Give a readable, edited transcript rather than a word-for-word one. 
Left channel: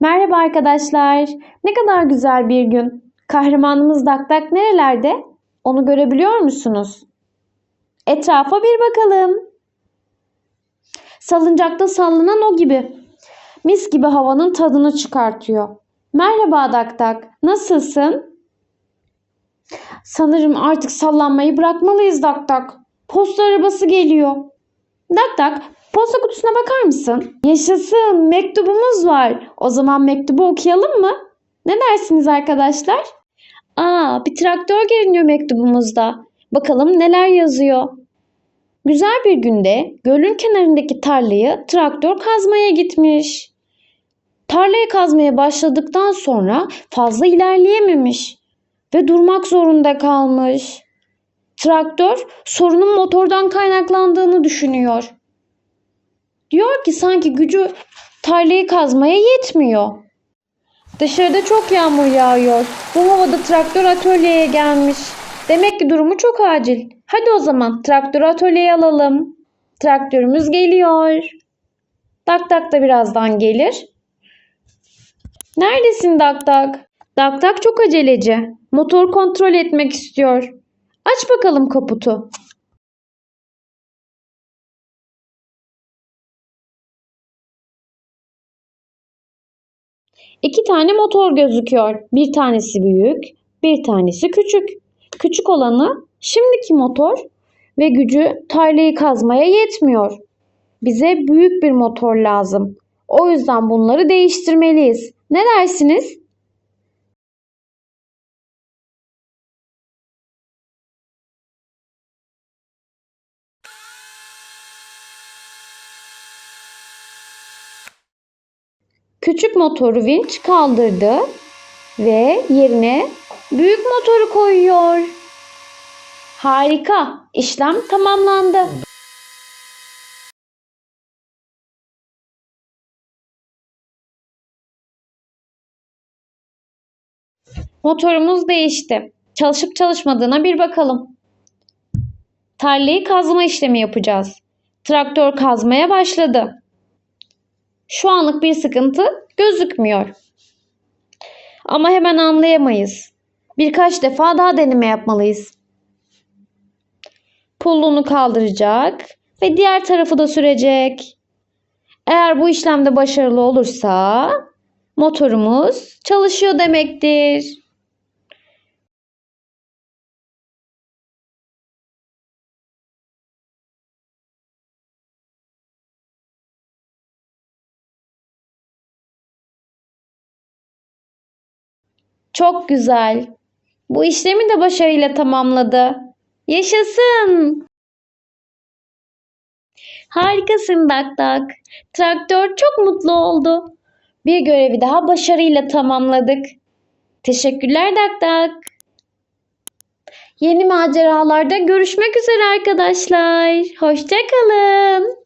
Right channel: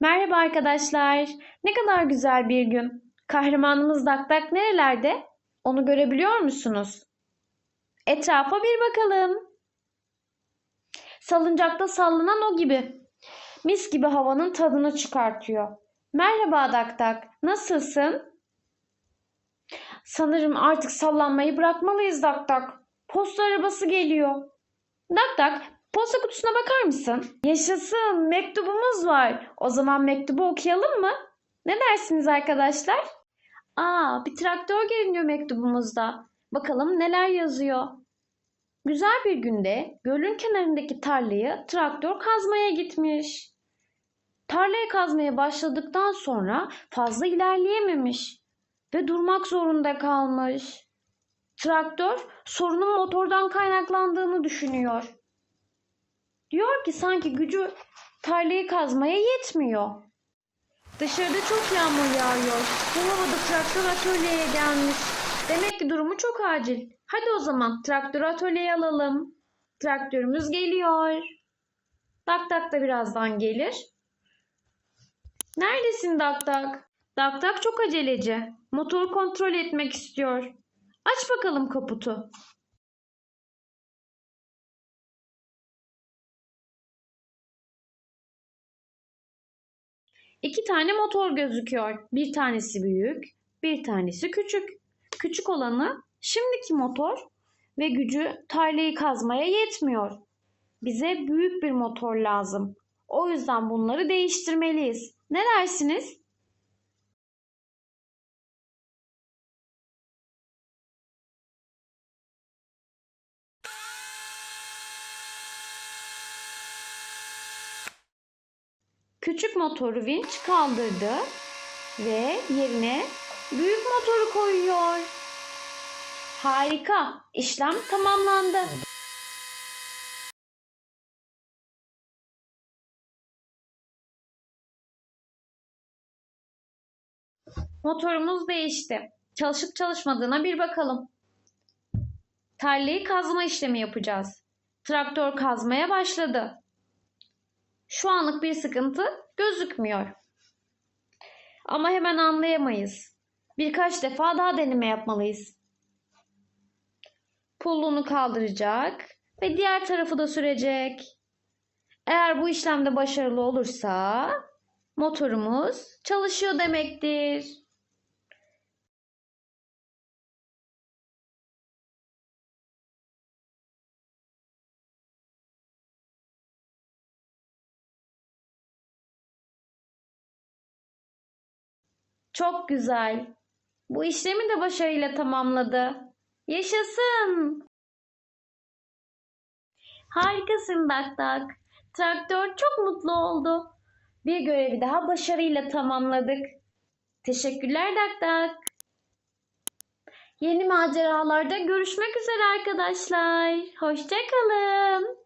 Merhaba arkadaşlar. Ne kadar güzel bir gün. Kahramanımız Dakdak nerelerde? Onu görebiliyor musunuz? Etrafa bir bakalım. Salıncakta sallanan o gibi. Mis gibi havanın tadını çıkartıyor. Merhaba Dakdak. Nasılsın? Sanırım artık sallanmayı bırakmalıyız Dakdak. Posta arabası geliyor. Dakdak, posta kutusuna bakar mısın? Yaşasın, mektubumuz var. O zaman mektubu okuyalım mı? Ne dersiniz arkadaşlar? Bir traktör görünüyor mektubumuzda. Bakalım neler yazıyor. Güzel bir günde gölün kenarındaki tarlayı traktör kazmaya gitmiş. Tarlayı kazmaya başladıktan sonra fazla ilerleyememiş ve durmak zorunda kalmış. Traktör sorunun motordan kaynaklandığını düşünüyor. Diyor ki sanki gücü tarlayı kazmaya yetmiyor. Dışarıda çok yağmur yağıyor. Bu havada traktör atölyeye gelmiş. Demek ki durumu çok acil. Hadi o zaman traktörü atölyeye alalım. Traktörümüz geliyor. Dak dak da birazdan gelir. Neredesin Dak dak? Dak dak çok aceleci. Motor kontrol etmek istiyor. Aç bakalım kaputu. İki tane motor gözüküyor. Bir tanesi büyük, bir tanesi küçük. Küçük olanı şimdiki motor ve gücü tarlayı kazmaya yetmiyor. Bize büyük bir motor lazım. O yüzden bunları değiştirmeliyiz. Ne dersiniz? Küçük motoru vinç kaldırdı ve yerine büyük motoru koyuyor. Harika, işlem tamamlandı. Motorumuz değişti. Çalışıp çalışmadığına bir bakalım. Tarlayı kazma işlemi yapacağız. Traktör kazmaya başladı. Şu anlık bir sıkıntı gözükmüyor. Ama hemen anlayamayız. Birkaç defa daha deneme yapmalıyız. Pullunu kaldıracak ve diğer tarafı da sürecek. Eğer bu işlemde başarılı olursa motorumuz çalışıyor demektir. Çok güzel. Bu işlemi de başarıyla tamamladı. Yaşasın! Harikasın Dak Dak. Traktör çok mutlu oldu. Bir görevi daha başarıyla tamamladık. Teşekkürler Dak Dak. Yeni maceralarda görüşmek üzere arkadaşlar. Hoşça kalın.